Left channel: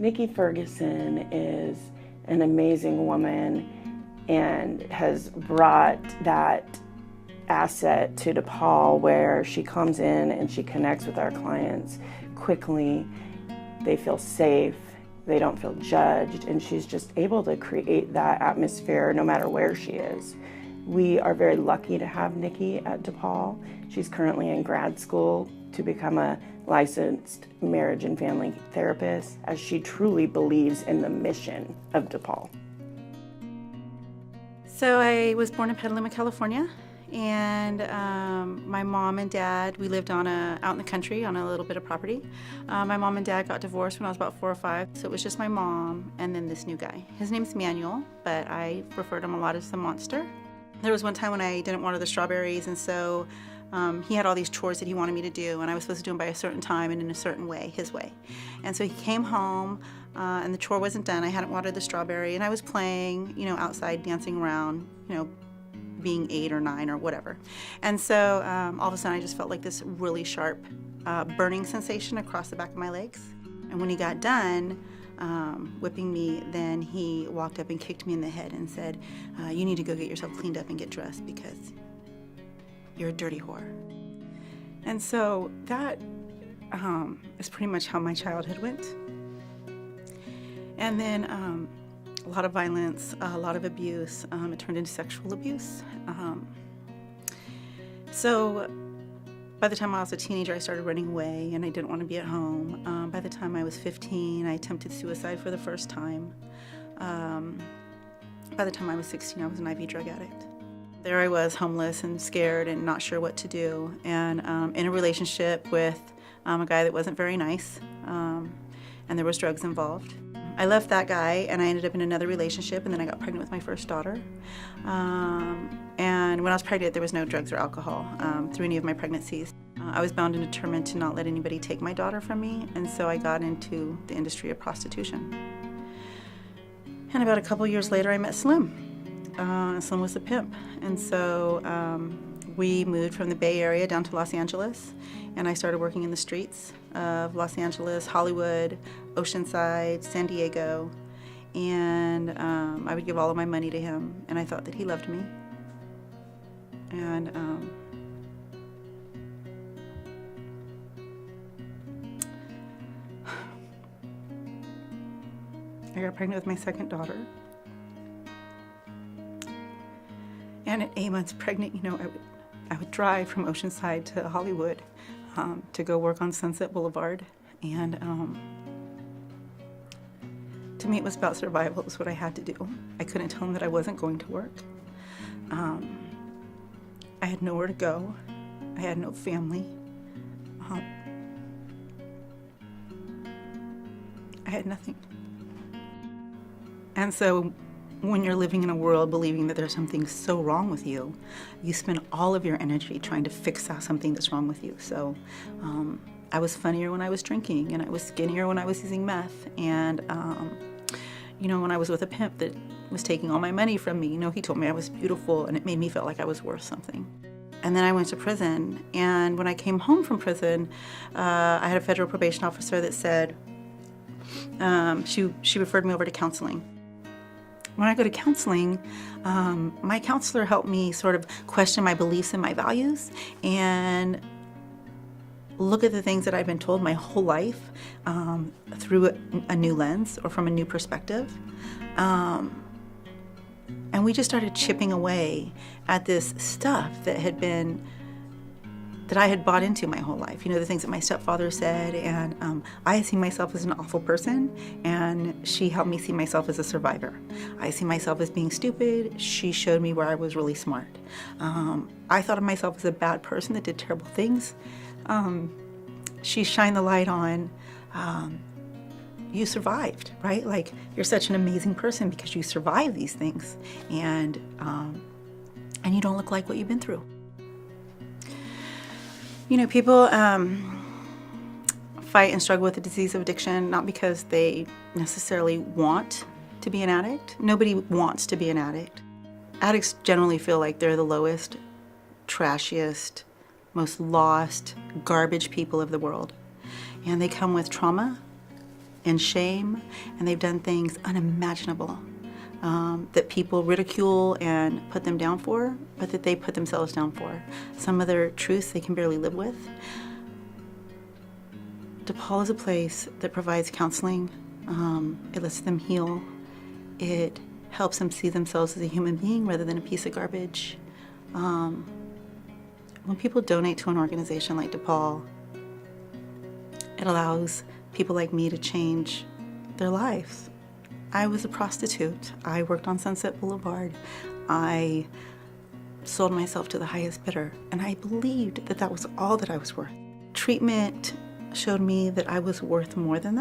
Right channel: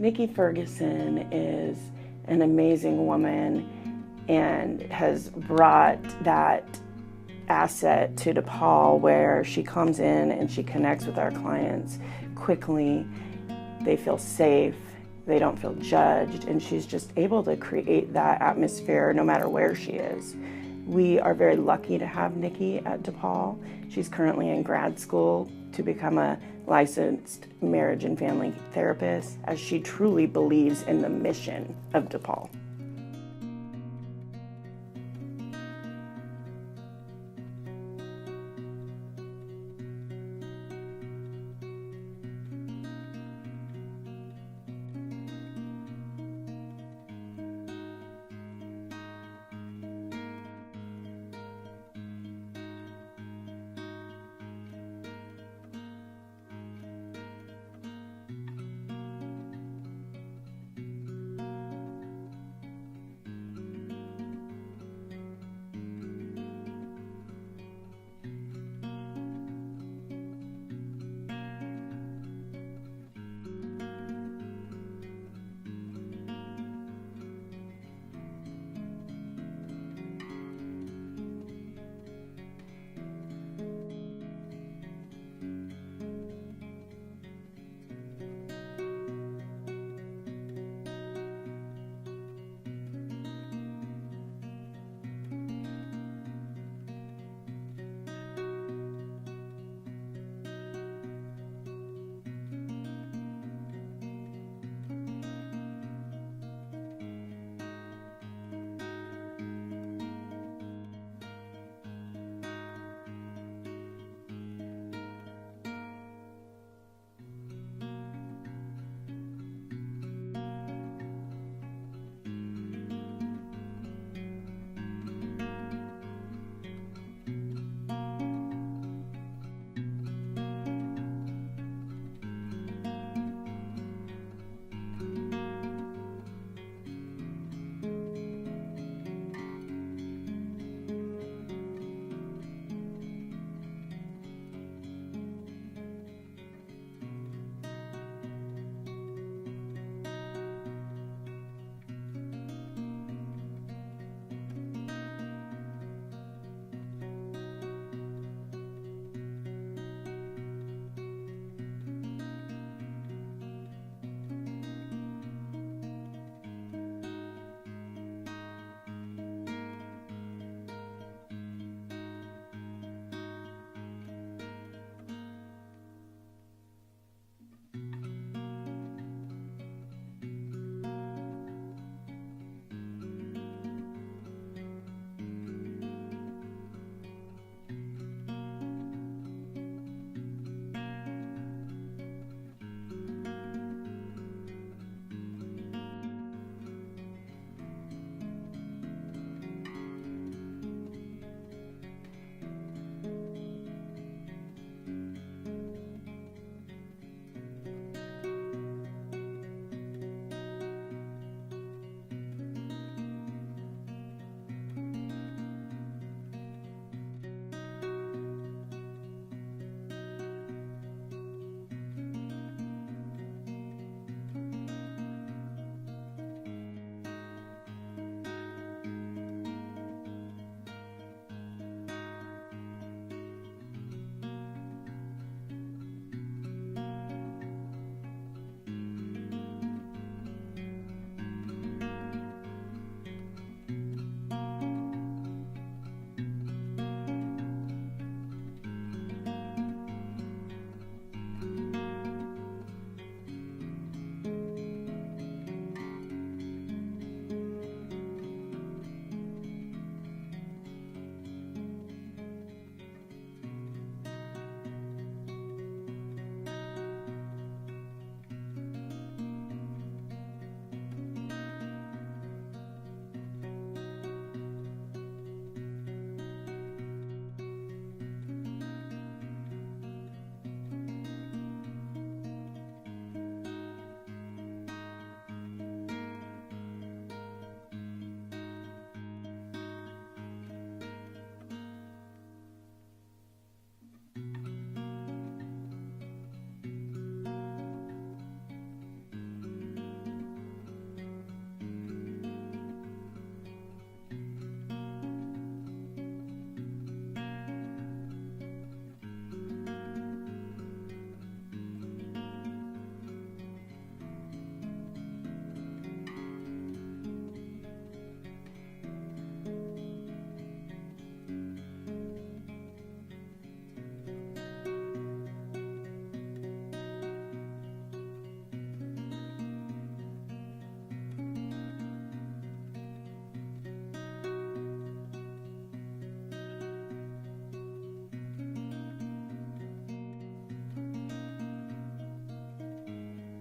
Nicky Ferguson is an amazing woman and has brought that asset to DePaul, where she comes in and she connects with our clients quickly. They feel safe, they don't feel judged, and she's just able to create that atmosphere no matter where she is. We are very lucky to have Nicky at DePaul. She's currently in grad school to become a licensed marriage and family therapist, as she truly believes in the mission of DePaul. So I was born in Petaluma, California, and my mom and dad, we lived out in the country on a little bit of property. My mom and dad got divorced when I was about 4 or 5, so it was just my mom and then this new guy. His name's Manuel, but I referred to him a lot as the monster. There was one time when I didn't water the strawberries, and so he had all these chores that he wanted me to do, and I was supposed to do them by a certain time and in a certain way, his way. And so he came home, and the chore wasn't done. I hadn't watered the strawberry, and I was playing, outside, dancing around, being 8 or 9 or whatever. And so all of a sudden I just felt like this really sharp burning sensation across the back of my legs. And when he got done whipping me, then he walked up and kicked me in the head and said, you need to go get yourself cleaned up and get dressed because you're a dirty whore. And so that is pretty much how my childhood went. And then a lot of violence, a lot of abuse. It turned into sexual abuse. So by the time I was a teenager, I started running away, and I didn't want to be at home. By the time I was 15, I attempted suicide for the first time. By the time I was 16, I was an IV drug addict. There I was, homeless and scared and not sure what to do, and in a relationship with a guy that wasn't very nice, and there was drugs involved. I left that guy and I ended up in another relationship, and then I got pregnant with my first daughter. And when I was pregnant, there was no drugs or alcohol through any of my pregnancies. I was bound and determined to not let anybody take my daughter from me, and so I got into the industry of prostitution. And about a couple years later, I met Slim. Slim was a pimp, and so we moved from the Bay Area down to Los Angeles, and I started working in the streets of Los Angeles, Hollywood, Oceanside, San Diego, and I would give all of my money to him, and I thought that he loved me. And I got pregnant with my second daughter. And at 8 months pregnant, I would drive from Oceanside to Hollywood to go work on Sunset Boulevard. And to me, it was about survival. It was what I had to do. I couldn't tell him that I wasn't going to work. I had nowhere to go. I had no family. I had nothing. And so when you're living in a world believing that there's something so wrong with you, you spend all of your energy trying to fix out something that's wrong with you. So I was funnier when I was drinking, and I was skinnier when I was using meth. And when I was with a pimp that was taking all my money from me, he told me I was beautiful, and it made me feel like I was worth something. And then I went to prison, and when I came home from prison, I had a federal probation officer that said she referred me over to counseling. When I go to counseling, my counselor helped me sort of question my beliefs and my values and look at the things that I've been told my whole life through a new lens or from a new perspective. And we just started chipping away at this stuff that I had bought into my whole life. The things that my stepfather said, and I see myself as an awful person, and she helped me see myself as a survivor. I see myself as being stupid. She showed me where I was really smart. I thought of myself as a bad person that did terrible things. She shined the light on, you survived, right? Like, you're such an amazing person because you survived these things, and you don't look like what you've been through. People fight and struggle with the disease of addiction, not because they necessarily want to be an addict. Nobody wants to be an addict. Addicts generally feel like they're the lowest, trashiest, most lost, garbage people of the world. And they come with trauma, and shame, and they've done things unimaginable that people ridicule and put them down for, but that they put themselves down for. Some of their truths they can barely live with. DePaul is a place that provides counseling. It lets them heal. It helps them see themselves as a human being rather than a piece of garbage. When people donate to an organization like DePaul, it allows people like me to change their lives. I was a prostitute. I worked on Sunset Boulevard. I sold myself to the highest bidder, and I believed that that was all that I was worth. Treatment showed me that I was worth more than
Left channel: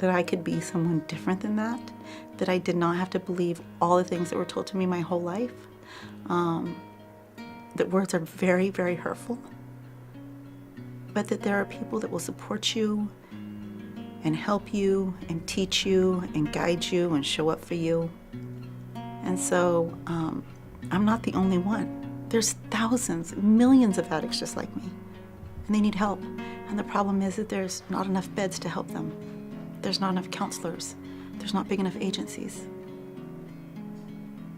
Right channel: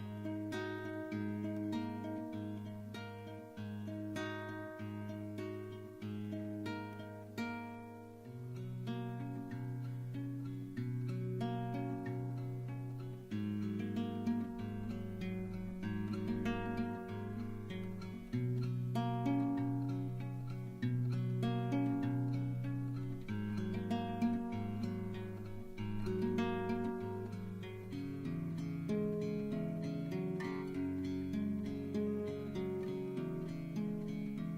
that I could be someone different than that I did not have to believe all the things that were told to me my whole life, that words are very, very hurtful, but that there are people that will support you and help you and teach you and guide you and show up for you. And so I'm not the only one. There's thousands, millions of addicts just like me, and they need help. And the problem is that there's not enough beds to help them. There's not enough counselors. There's not big enough agencies.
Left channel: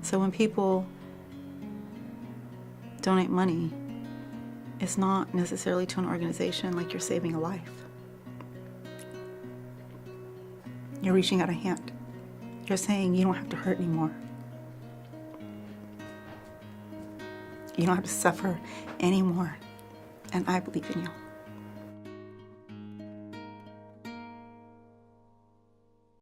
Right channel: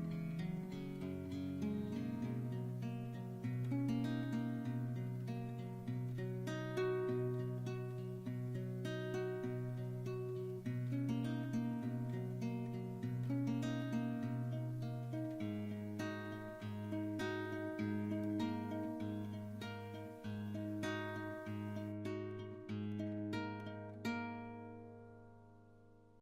So when people donate money, it's not necessarily to an organization like you're saving a life. You're reaching out a hand. You're saying you don't have to hurt anymore. You don't have to suffer anymore. And I believe in you.